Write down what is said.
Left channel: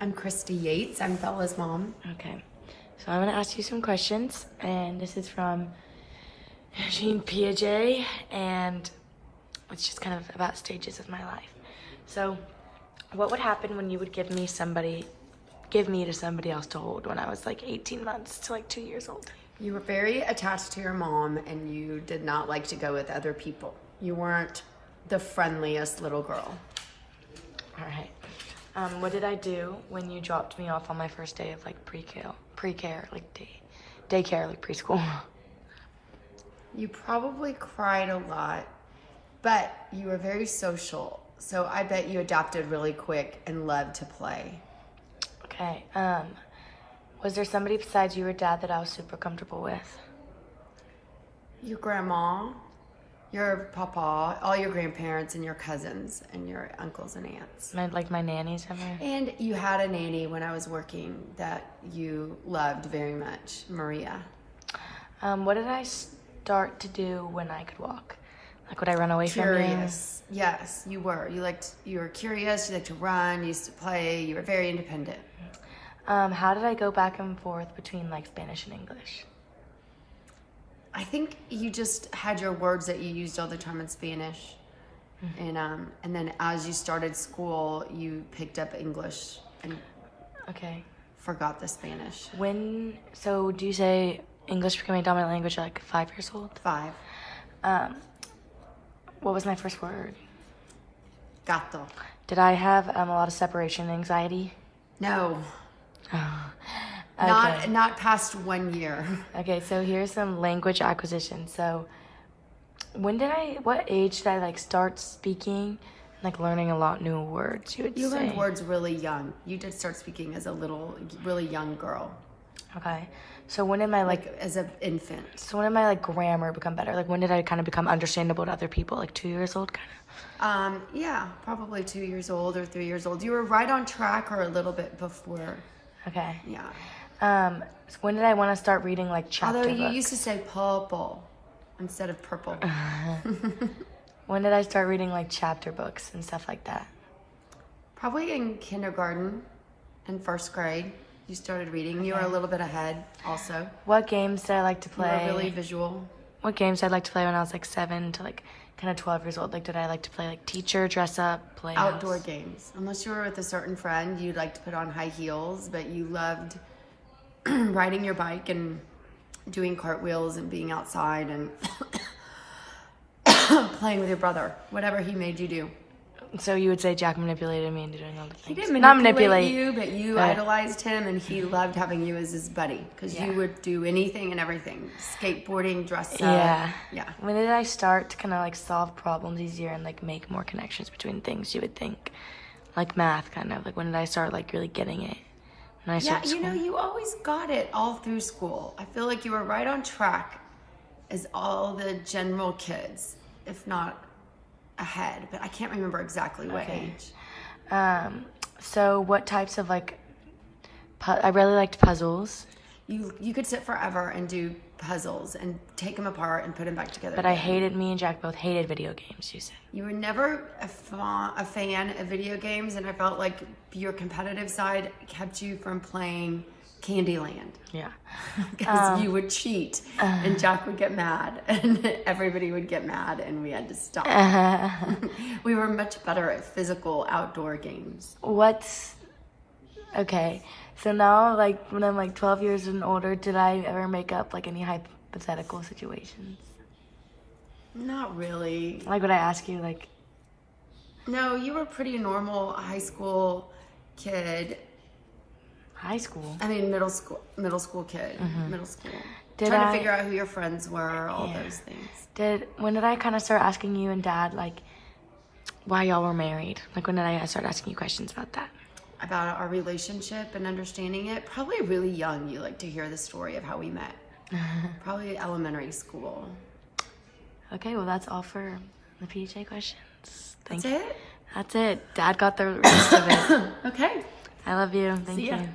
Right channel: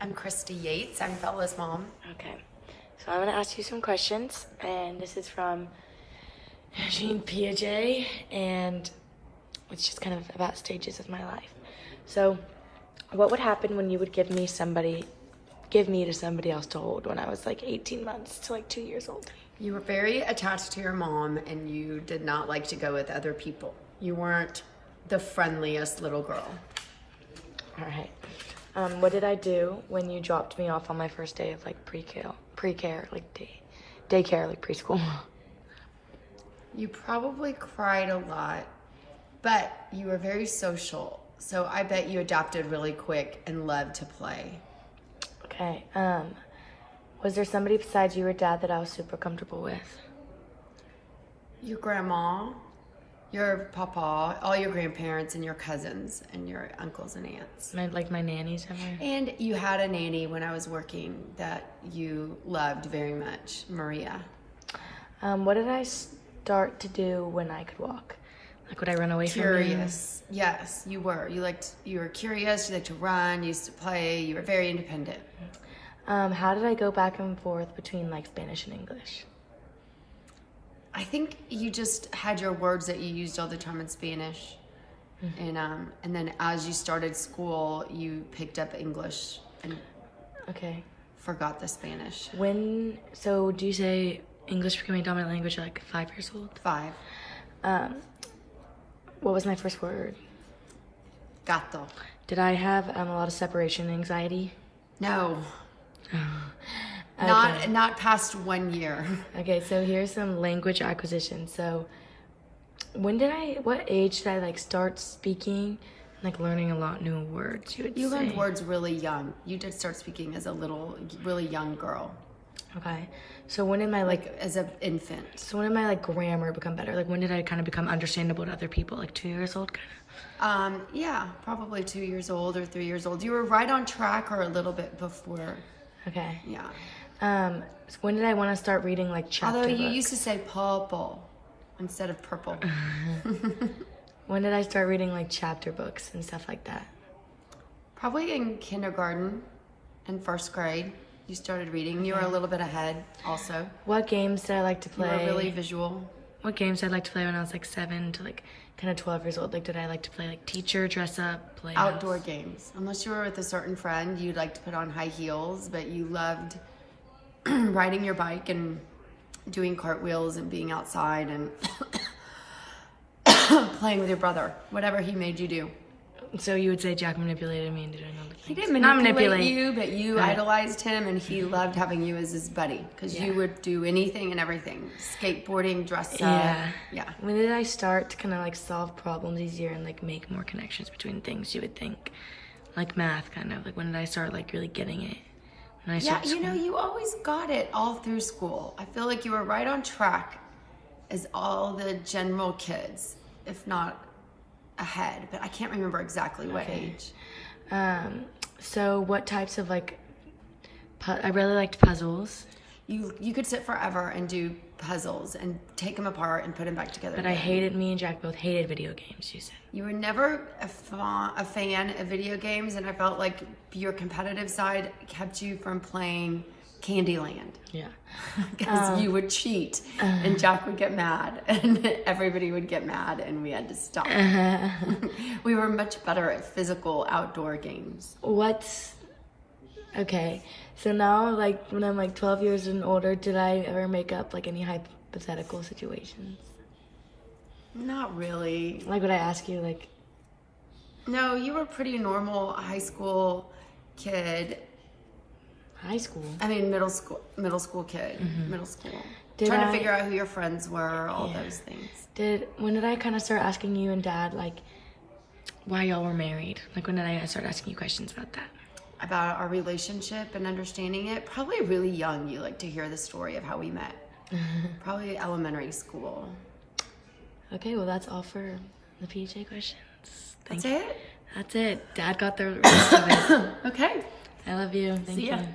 I'm Cristy Yates. I'm Bella's mom. Okay. So I'm gonna ask you some questions, and this is from Eugene Piaget, and it's just kind of about stages of my life. So, what would happen when you would give me to somebody else to hold when I was like 18 months to like 2 years old? You were very attached to your mom and you did not like to go with other people. You weren't the friendliest little girl. All right. What did I do when you dropped me off on my first day of like pre-care, like daycare, like preschool? You probably cried a lot, but you were very social. So I bet you adapted really quick and loved to play. Okay. Was there somebody besides you or dad that I was super comfortable with? Your grandma, your papa, all your grandparents and your cousins and your uncles and aunts. Like my nannies and her? And you had a nanny when I was working that you loved very much, Maria. What did I start to do when I could walk? Like, would I run away Curious. Yes, you were. You were curious, you liked to run, you used to play, you were very independent. How did I go back and forth between like Spanish and English? I think you just had your words that you used all the time in Spanish. Mm-hmm. And then as you started school, you picked up English and forgot the Spanish. So do you say English became a dominant language at like 5 years old? 5. What was my first word? Gato. Did I have a lot of separation anxiety? No. Okay. Not past 1 year. Okay, so here's some language acquisition. So what age did I like start speaking, like learning a lot new words? You learned words really young. You did start speaking as a really young girl. Okay. So when did my like as an infant? So when did my like grammar become better? Like when did I kind of become understandable to other people? Like 2 years old, kind of. Yeah, probably 2 years old or 3 years old. You were right on track, or a little bit before. Okay. Yeah. So when did I want to start reading like chapter Although you books? used to say purple instead of purple. When did I start reading like chapter books and stuff like that? Probably in kindergarten and first grade. You started reading. You were a little bit ahead also. What games did I like to play? You were really visual. What games did I like to play when I was like 7 to like kind of 12 years old? Like did I like to play like teacher, dress up, play outdoor games? Unless you were with a certain friend, you'd like to put on high heels, but you loved riding your bike and doing cartwheels and being outside and playing with your brother, whatever he made you do. So you would say Jack manipulated me into doing all the things. He didn't manipulate you, but you idolized him, and he loved having you as his buddy because you would do anything and everything. Skateboarding, dress up. Yeah. When did I start to kind of like solve problems easier and like make more connections between things you would think? Like math, kind of. Like when did I start like really getting it? Yeah, you always got it all through school. I feel like you were right on track as all the general kids, if not ahead, but I can't remember exactly what age. So what types of like, I really liked puzzles. You could sit forever and do puzzles and take them apart and put them back together. But me and Jack both hated video games, you say. You were never a fan of video games, and I felt like your competitive side kept you from playing Candyland. Yeah. Because you would cheat, and Jack would get mad, and everybody would get mad, and we had to stop. We were much better at physical outdoor games. Okay, so now, like, when I'm like 12 years and older, did I ever make up like any hypothetical situations? Not really. Like, would I ask you, like... No, you were a pretty normal high school kid. High school? I mean, middle school kid. Mm-hmm. Middle school. Trying to figure out who your friends were, all those things. When did I kind of start asking you and Dad, like, why y'all were married? Like, when did I start asking you questions about that? About our relationship and understanding it? Probably really young, you like to hear the story of how we met. Probably elementary school. Okay, well, that's all for the PJ questions. That's it? That's it. Dad got the rest of it. Okay. I love you. Thank See ya. you.